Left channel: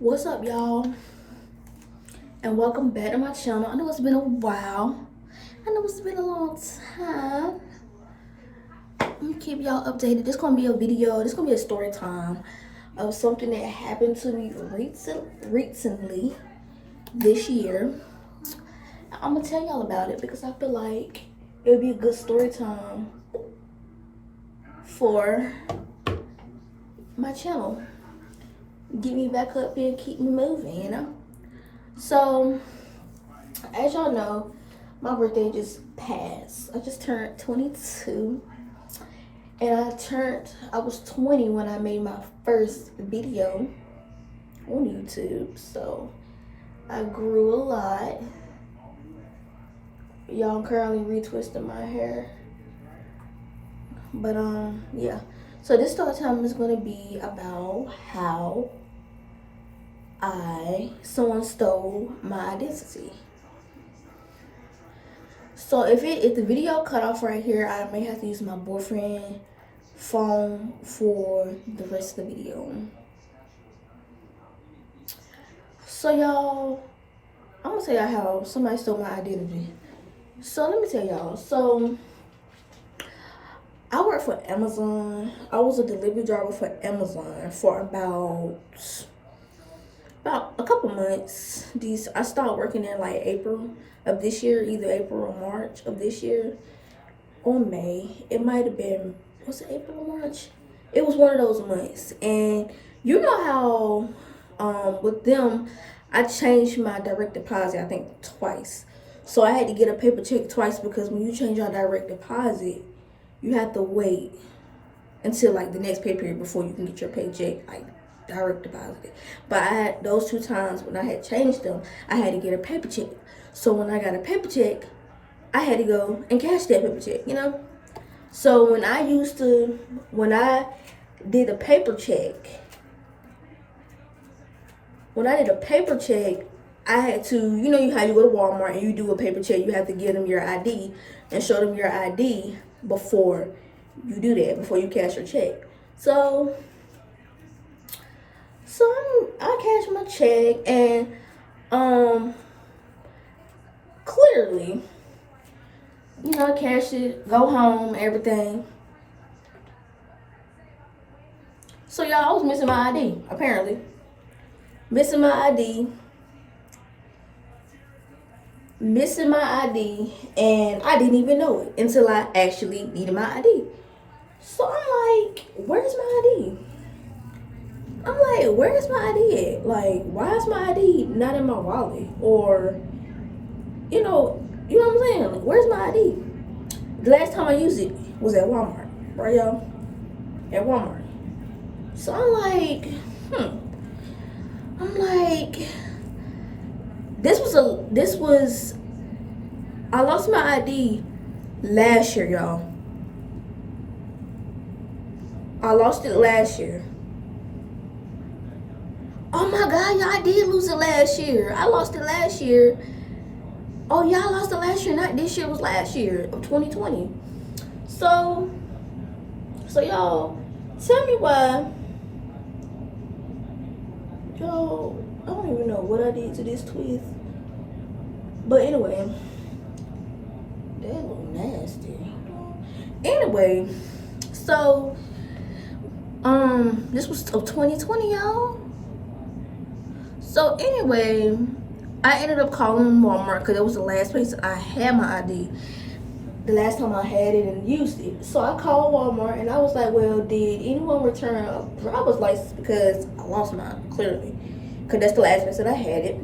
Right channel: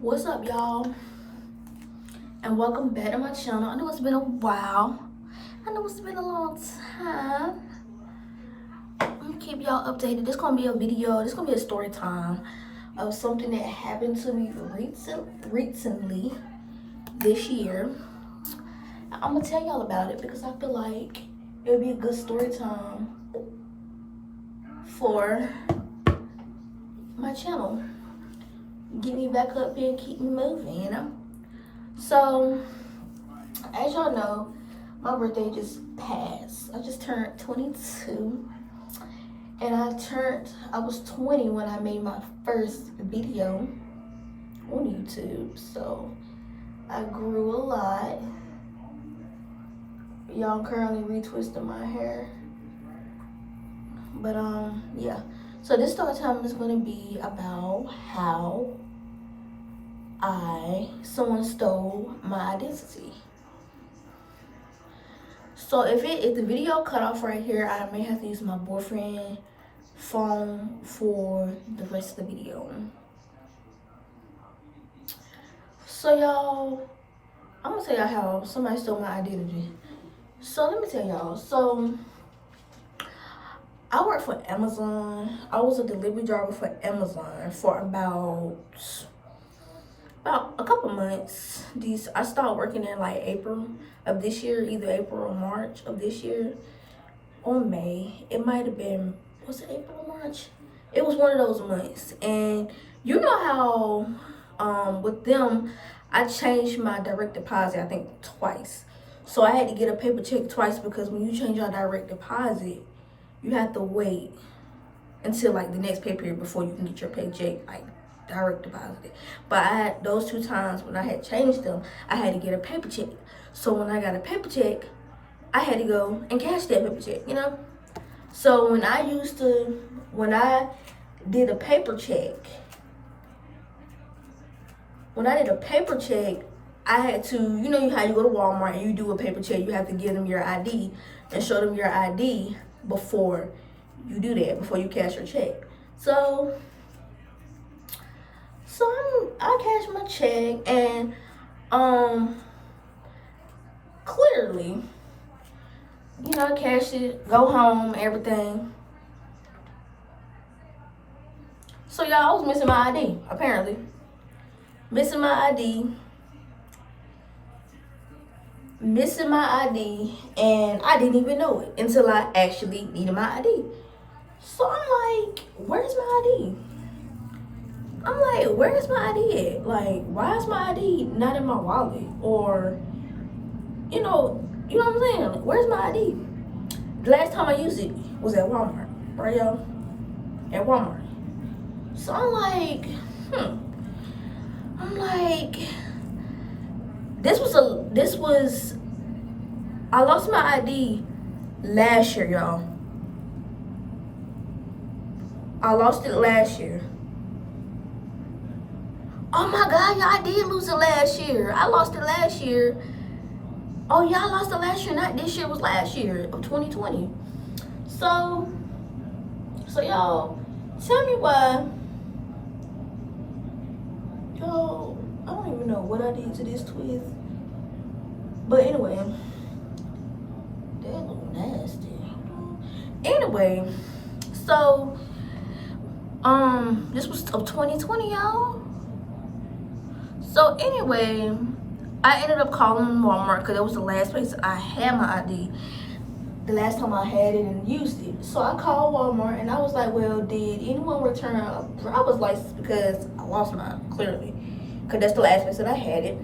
What's up, y'all, and welcome back to my channel. I know it's been a while. I know it's been a long time. I'm gonna keep y'all updated. This gonna be a video. This gonna be a story time of something that happened to me recently this year. I'm gonna tell y'all about it because I feel like it would be a good story time for my channel. Get me back up here and keep me moving, you know? So, as y'all know, my birthday just passed. I just turned 22. And I was 20 when I made my first video on YouTube. So, I grew a lot. Y'all currently retwisting my hair. But, yeah. So, this story time is going to be about how someone stole my identity. So if the video cut off right here, I may have to use my boyfriend phone for the rest of the video. So y'all, I'm gonna tell y'all how somebody stole my identity. So let me tell y'all. So I work for Amazon. I was a delivery driver for Amazon for about a couple months. I started working in like April of this year, either April or March of this year, or May. It might have been, was it April or March? It was one of those months. And you know how with them, I changed my direct deposit, I think twice. So I had to get a paper check twice because when you change your direct deposit, you have to wait until like the next pay period before you can get your paycheck like direct deposit. But I had those two times when I had changed them, I had to get a paper check. So when I got a paper check, I had to go and cash that paper check, you know? So when I did a paper check, I had to, you know how you go to Walmart and you do a paper check, you have to give them your ID and show them your ID before you do that, before you cash your check. So I cashed my check and clearly, I cashed it, go home, everything. So y'all, I was missing my ID, apparently. Missing my ID, and I didn't even know it until I actually needed my ID. So I'm like, where's my ID? Where's my ID at? Like, why is my ID not in my wallet? Or, you know what I'm saying? Like, where's my ID? The last time I used it was at Walmart, right, y'all? At Walmart. So I'm like, I lost my ID last year, y'all. I lost it last year. Oh my God, y'all, I did lose it last year. I lost it last year. Oh, y'all lost it last year, not this year, was last year of 2020. So y'all, tell me why. Yo, I don't even know what I did to this twist. But anyway, that look nasty. Anyway, so this was of 2020, y'all. So anyway, I ended up calling Walmart because it was the last place I had my ID. The last time I had it and used it. So I called Walmart and I was like, well, did anyone return a driver's license because I lost mine, clearly. Because that's the last place that I had it.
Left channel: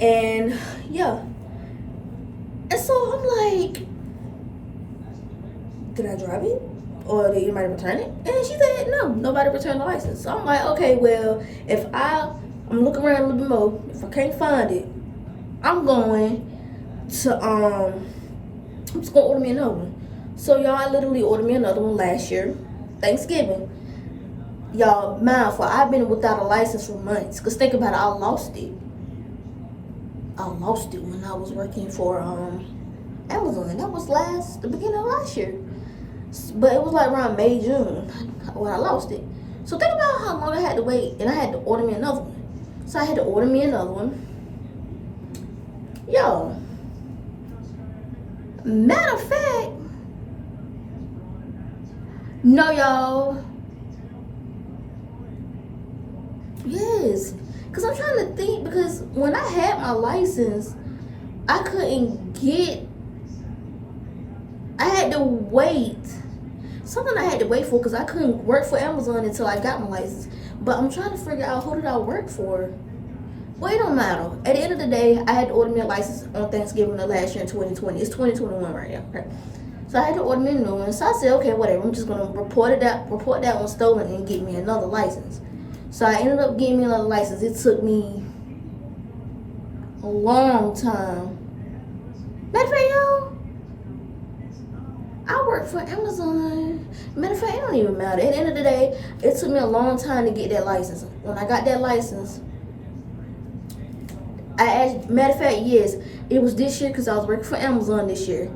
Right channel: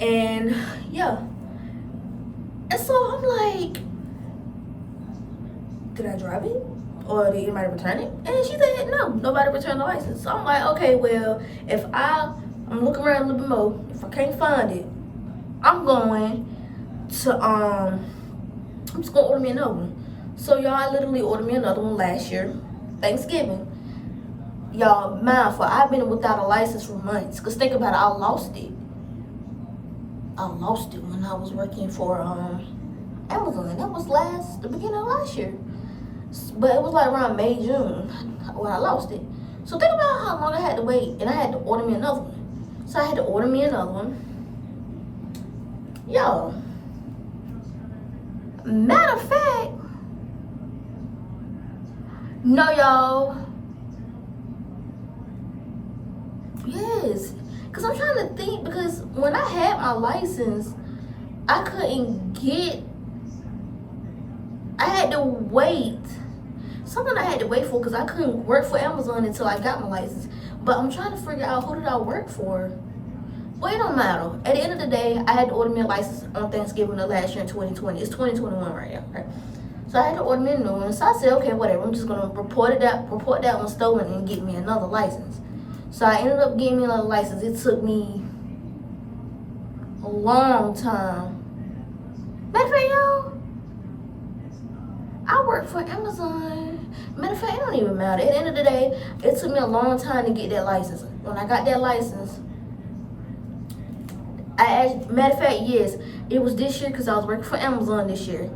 And yeah. And so I'm like, did I drive it? Or did anybody return it? And she said, no, nobody returned the license. So I'm like, okay, well, if I'm looking around a little bit more. If I can't find it, I'm just gonna order me another one. So y'all, I literally ordered me another one last year, Thanksgiving. Y'all, mindful, I've been without a license for months. Cause think about it, I lost it. When I was working for Amazon. That was the beginning of last year. But it was like around May, June when I lost it. So think about how long I had to wait, and I had to order me another one. So I had to order me another one. Yo, matter of fact, no, y'all. Yes, because I'm trying to think, because when I had my license, I couldn't get, I had to wait. Something I had to wait for because I couldn't work for Amazon until I got my license. But I'm trying to figure out who did I work for. Well, it don't matter. At the end of the day, I had to order me a license on Thanksgiving of last year in 2020. It's 2021 right now, right? So I had to order me a new one. So I said, okay, whatever. I'm just gonna report that one stolen and get me another license. So I ended up getting me another license. It took me a long time. Matter of fact, y'all, I work for Amazon. Matter of fact, it don't even matter. At the end of the day, it took me a long time to get that license. When I got that license, I asked, matter of fact, yes, it was this year because I was working for Amazon this year.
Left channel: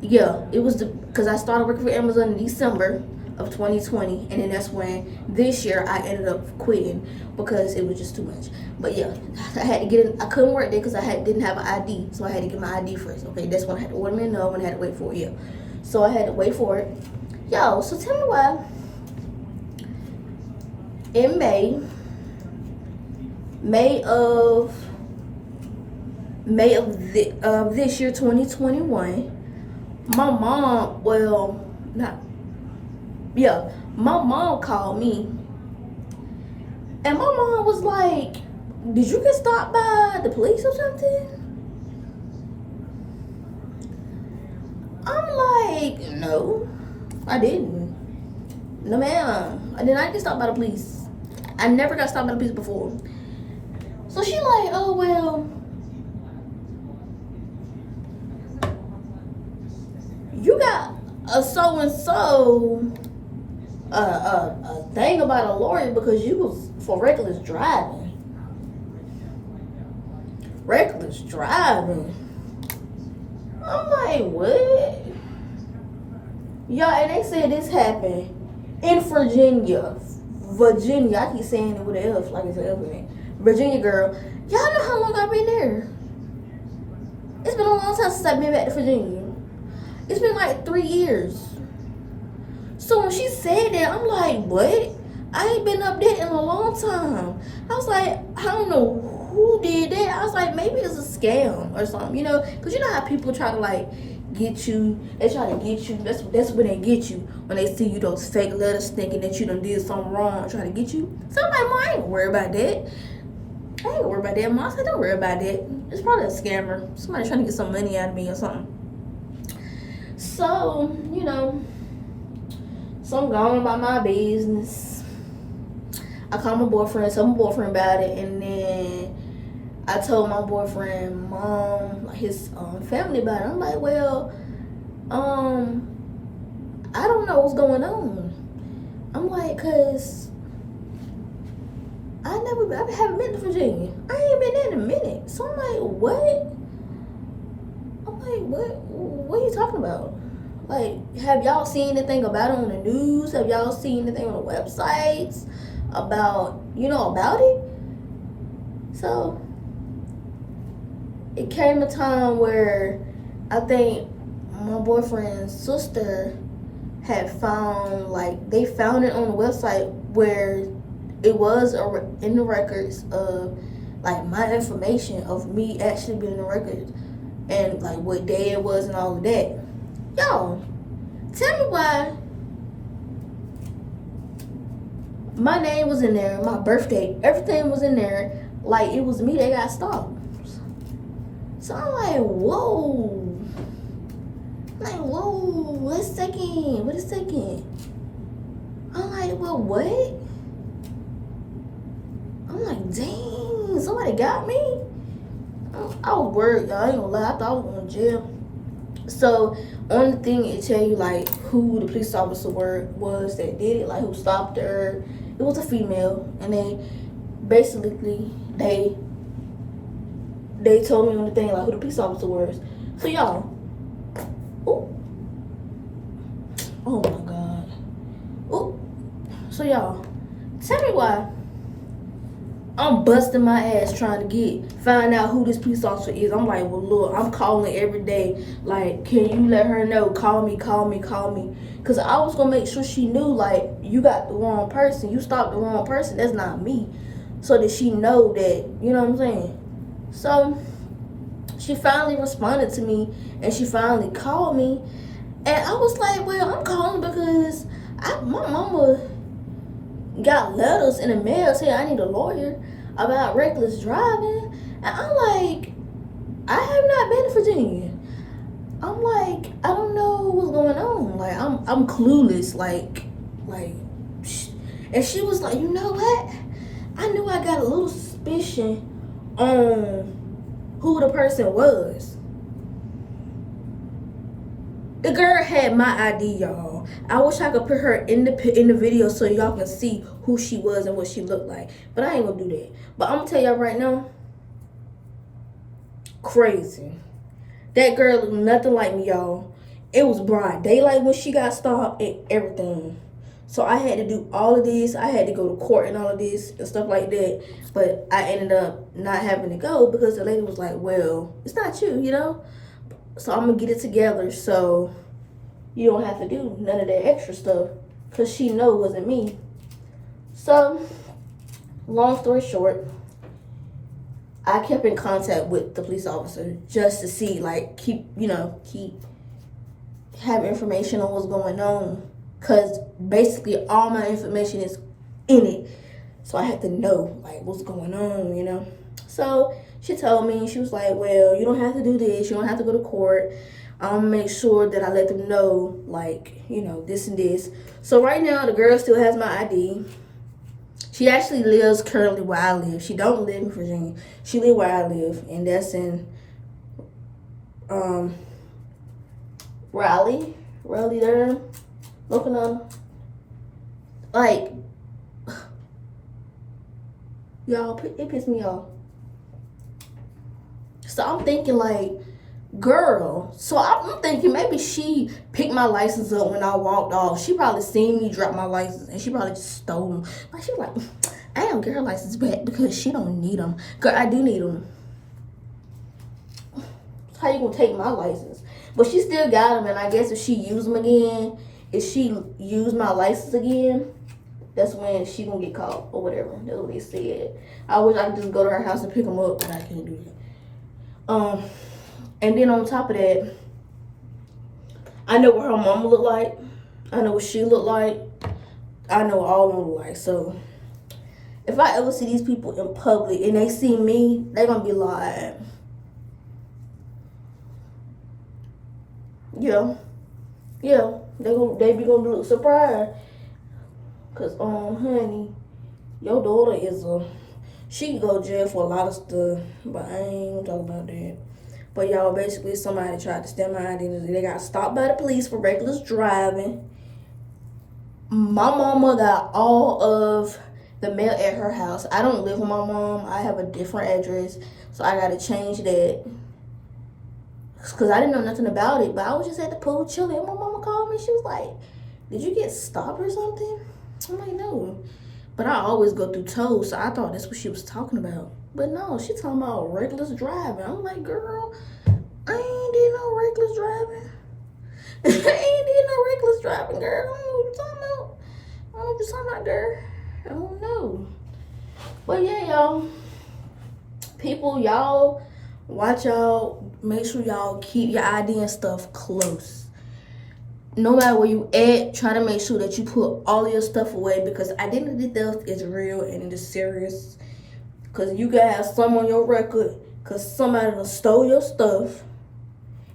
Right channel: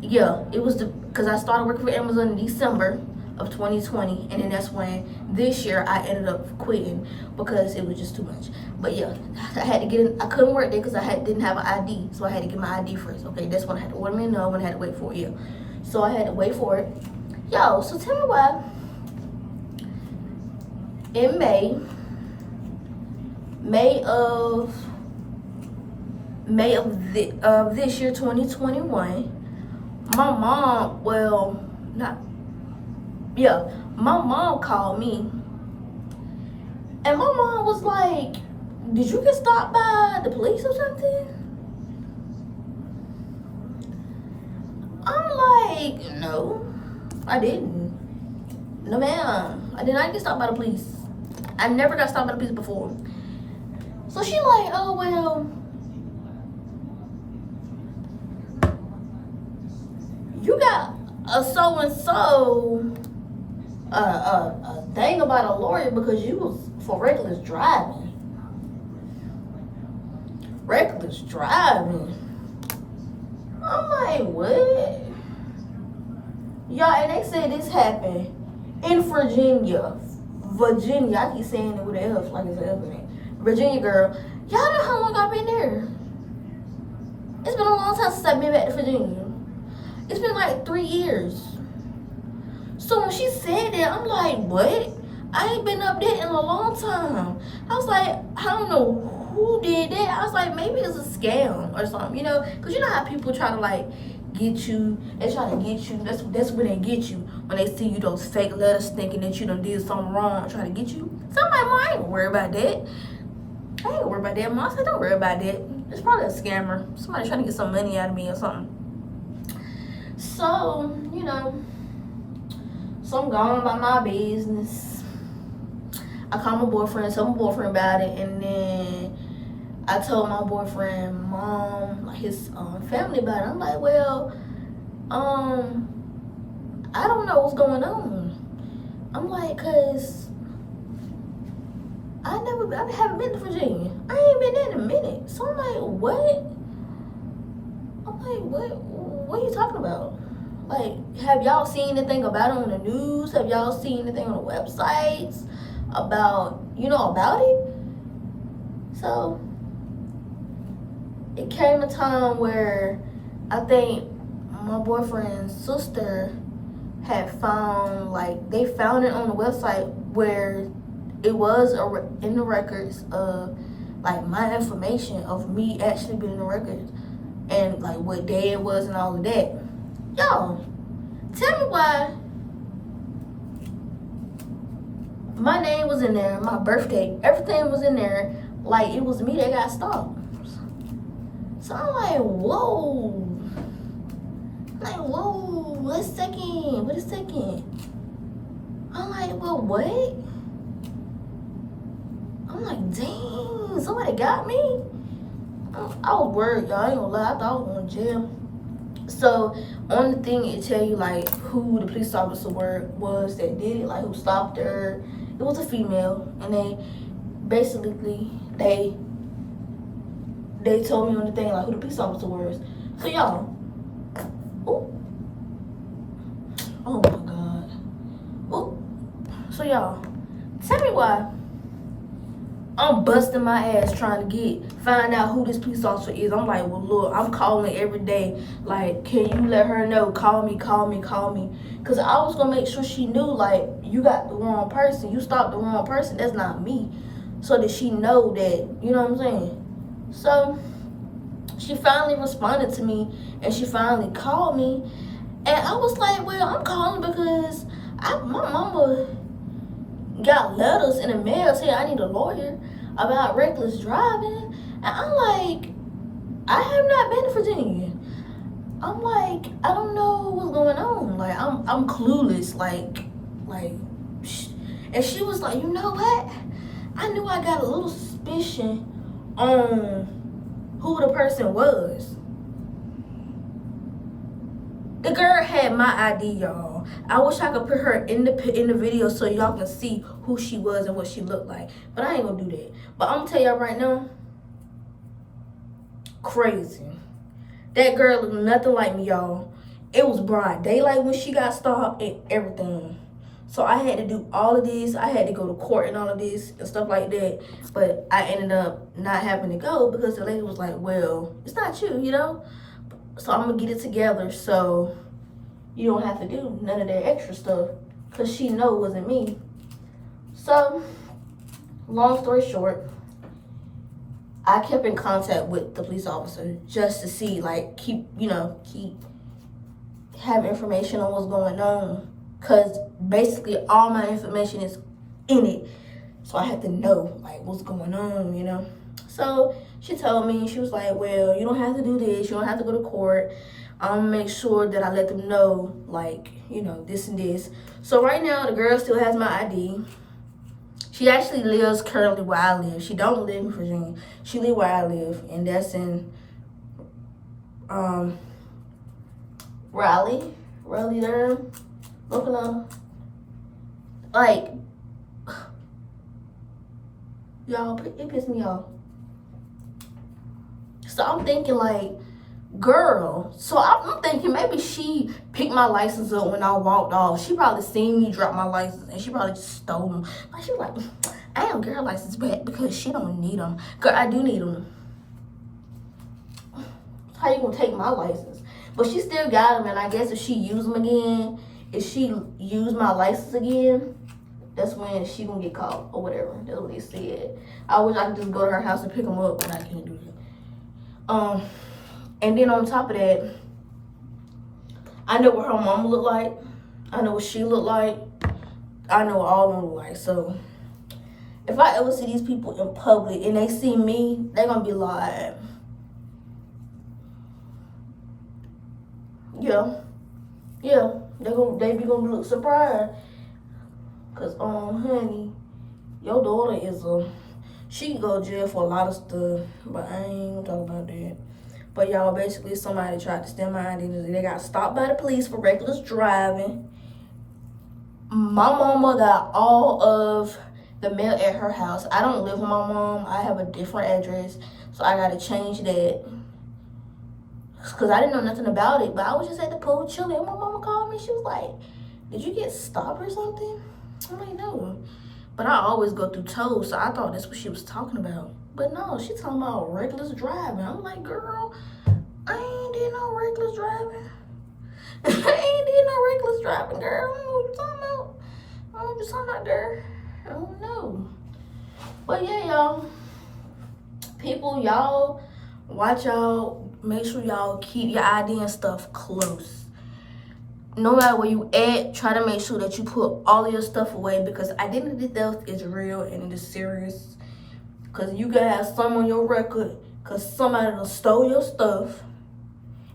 Yeah, it was because I started working for Amazon in December of 2020, and then that's when this year I ended up quitting because it was just too much. But yeah, I had to get in. I couldn't work there because I didn't have an ID, so I had to get my ID first. Okay, that's when I had to order me another one. I had to wait for it. Yeah, so I had to wait for it. Yo, so tell me why in May of this year, 2021, my mom, my mom called me, and my mom was like, did you get stopped by the police or something? I'm like, no, I didn't. No, ma'am, I did not get stopped by the police. I never got stopped by the police before. So she like, oh, well, you got a so-and-so a thing about a lawyer because you was for reckless driving. Reckless driving. I'm like, what? Y'all, and they said this happened in Virginia. I keep saying it with an F, like it's an F in it. Virginia girl. Y'all know how long I've been there? It's been a long time since I've been back to Virginia. It's been like 3 years. So when she said that, I'm like, what? I ain't been up there in a long time. I was like, I don't know who did that. I was like, maybe it's a scam or something, you know? Because you know how people try to like get you. They try to get you. That's when they get you. When they see you those fake letters thinking that you done did something wrong, trying to get you. So I'm like, Mom, I ain't worried about that. I ain't worried about that. Mom said, don't worry about that. It's probably a scammer. Somebody trying to get some money out of me or something. So, you know, so I'm going about my business. I called my boyfriend, told my boyfriend about it, and then I told my boyfriend, mom, his family about it. I'm like, well, I don't know what's going on. I'm like, cause I haven't been to Virginia. I ain't been there in a minute. So I'm like, what? I'm like, what are you talking about? Like, have y'all seen anything about it on the news? Have y'all seen anything on the websites about, about it? So, it came a time where I think my boyfriend's sister had found, they found it on the website where it was in the records of, my information of me actually being in the records and, what day it was and all of that. Yo, tell me why my name was in there, my birthday, everything was in there, like it was me that got stopped. So I'm like, whoa. Wait a second. I'm like, well, what? I'm like, dang, somebody got me? I was worried, y'all, I ain't gonna lie, I thought I was going to jail. So on the thing it tell you who the police officer was that did it, who stopped her. It was a female, and they basically they told me on the thing who the police officer was. So y'all, oh my god, so y'all, Tell me why. I'm busting my ass trying to find out who this police officer is. I'm like, well, look, I'm calling every day. Like, can you let her know? Call me. Because I was going to make sure she knew, like, you got the wrong person. You stopped the wrong person. That's not me. So that she know that, you know what I'm saying? So she finally responded to me, and she finally called me. And I was like, well, I'm calling because my mama got letters in the mail saying I need a lawyer about reckless driving. And I'm like, I have not been to Virginia. I'm like, I don't know what's going on. Like, I'm clueless. Like, and she was like, you know what? I knew I got a little suspicion on who the person was. The girl had my ID, y'all. I wish I could put her in the video so y'all can see who she was and what she looked like. But I ain't gonna do that. But I'm gonna tell y'all right now, crazy. That girl looked nothing like me, y'all. It was broad daylight when she got stopped and everything. So I had to do all of this. I had to go to court and all of this and stuff like that. But I ended up not having to go because the lady was like, well, it's not you, you know? So I'm gonna get it together so you don't have to do none of that extra stuff because she know it wasn't me. So, long story short, I kept in contact with the police officer just to see, like, keep having information on what's going on, because basically all my information is in it. So I had to know, like, what's going on, you know? So she told me, she was like, well, you don't have to do this. You don't have to go to court. I'm gonna make sure that I let them know, like, you know, this and this. So right now, the girl still has my ID. She actually lives currently where I live. She don't live in Virginia. She live where I live, and that's in Raleigh, Durham, Oklahoma. Like, y'all, it pissed me off. So I'm thinking, like, girl. So I'm thinking maybe she picked my license up when I walked off. She probably seen me drop my license and she probably just stole them. Like, she was like, I don't get her license back because she don't need them. Girl, I do need them. How you gonna take my license? But she still got them, and I guess if she use them again, if she use my license again, that's when she gonna get caught or whatever. That's what they said. I wish I could just go to her house and pick them up, but I can't do that. And then on top of that, I know what her mama look like. I know what she look like. I know what all of them look like. So if I ever see these people in public and they see me, they're gonna be like, yeah, they be gonna look surprised. Cause honey, your daughter she can go to jail for a lot of stuff, but I ain't talking about that. But y'all, basically somebody tried to steal my identity. They got stopped by the police for reckless driving. My mama got all of the mail at her house. I don't live with my mom. I have a different address, so I gotta change that. Cause I didn't know nothing about it, but I was just at the pool chilling. And my mama called me. She was like, "Did you get stopped or something?" I'm like, "No." But I always go through tolls, so I thought that's what she was talking about. But no, she talking about reckless driving. I'm like, girl, I ain't did no reckless driving. I ain't did no reckless driving, girl. I don't know what you're talking about. I don't know what you're talking about, girl. I don't know. But yeah, y'all. People, y'all, watch y'all. Make sure y'all keep your ID and stuff close. No matter where you at, try to make sure that you put all of your stuff away, because identity theft is real and it is serious. Because you can have some on your record because somebody done stole your stuff.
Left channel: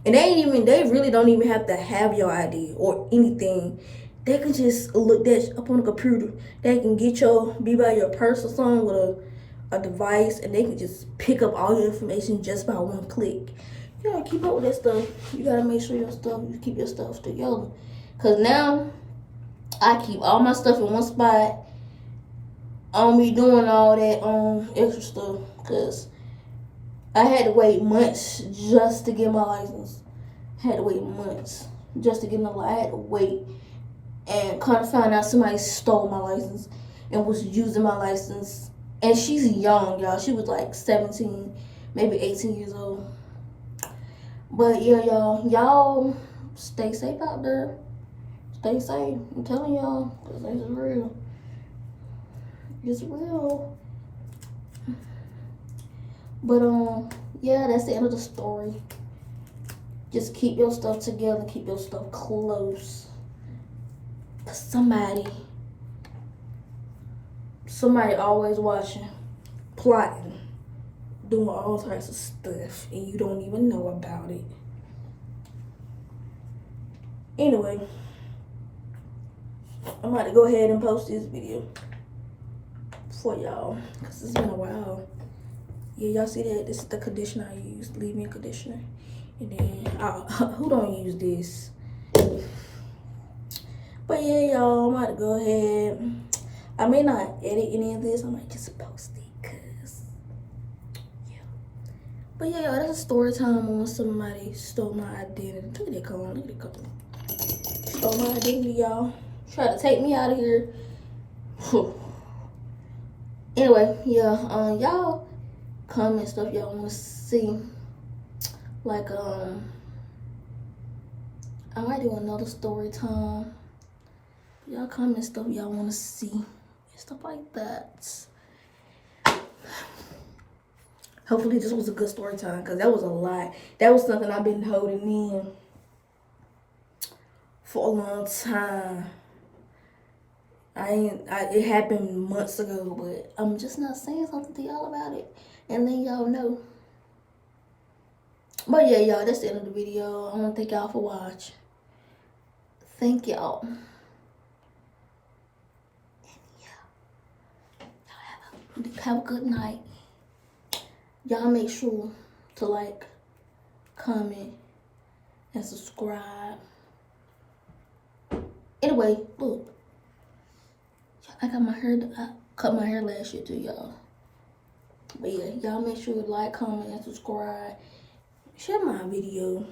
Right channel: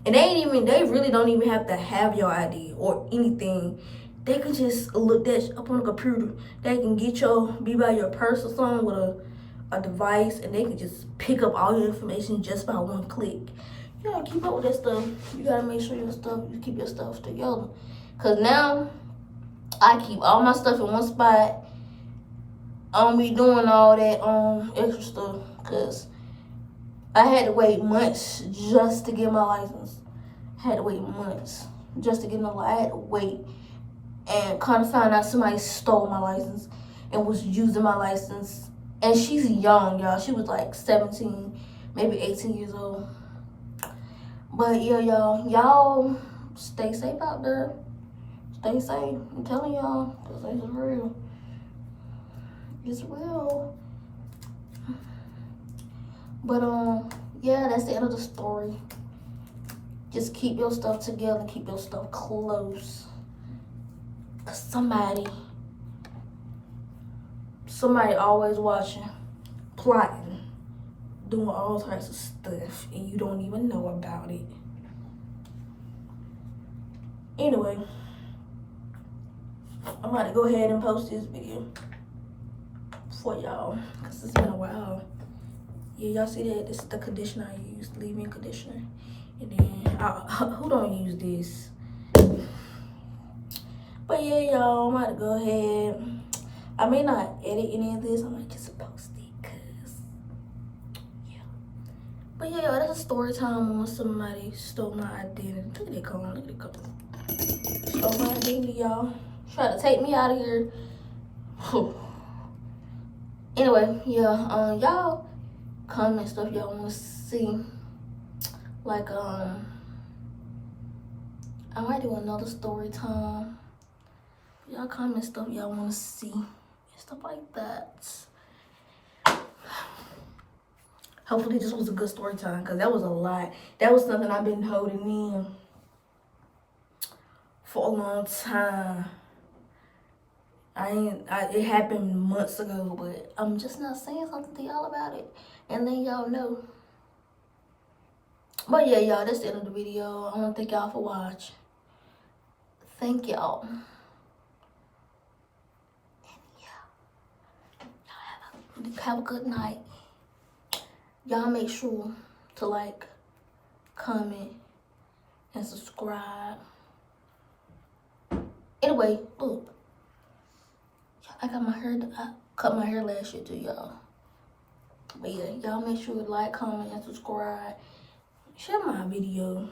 And they really don't even have to have your ID or anything. They can just look that up on the computer. They can be by your purse or something with a device, and they can just pick up all your information just by one click. You gotta keep up with that stuff. You gotta make sure you keep your stuff together. Cause now I keep all my stuff in one spot. I don't be doing all that extra stuff, cause I had to wait months just to get my license. I had to wait months just to get my license. I had to wait and kind of find out somebody stole my license. and was using my license. And she's young, y'all. She was like 17, maybe 18 years old. But yeah, y'all stay safe out there. Stay safe. I'm telling y'all, because it's real. It's real. But yeah, that's the end of the story. Just keep your stuff together, keep your stuff close. Cause somebody always watching, plotting, doing all types of stuff, and you don't even know about it. Anyway, I'm about to go ahead and post this video for y'all, cause it's been a while. Yeah, y'all see that? This is the conditioner I use, leave-in conditioner. And then, who don't use this? But yeah, y'all, I'm about to go ahead. I may not edit any of this. I might just post it, cause yeah. But yeah, that's a story time on somebody stole my identity. Look at that cone. Look at that cone. Stole my identity, y'all. Tried to take me out of here. Anyway, yeah. Y'all comment stuff y'all want to see. Like I might do another story time. Y'all comment stuff y'all want to see and stuff like that. Hopefully this was a good story time, because that was a lot. That was something I've been holding in for a long time. It happened months ago, but I'm just not saying something to y'all about it, and then y'all know. But yeah, y'all, that's the end of the video. I want to thank y'all for watching. Thank y'all. Have a good night. Y'all make sure to like, comment, and subscribe. Anyway, look. I cut my hair last year too, y'all. But yeah, y'all make sure to like, comment, and subscribe. Share my video.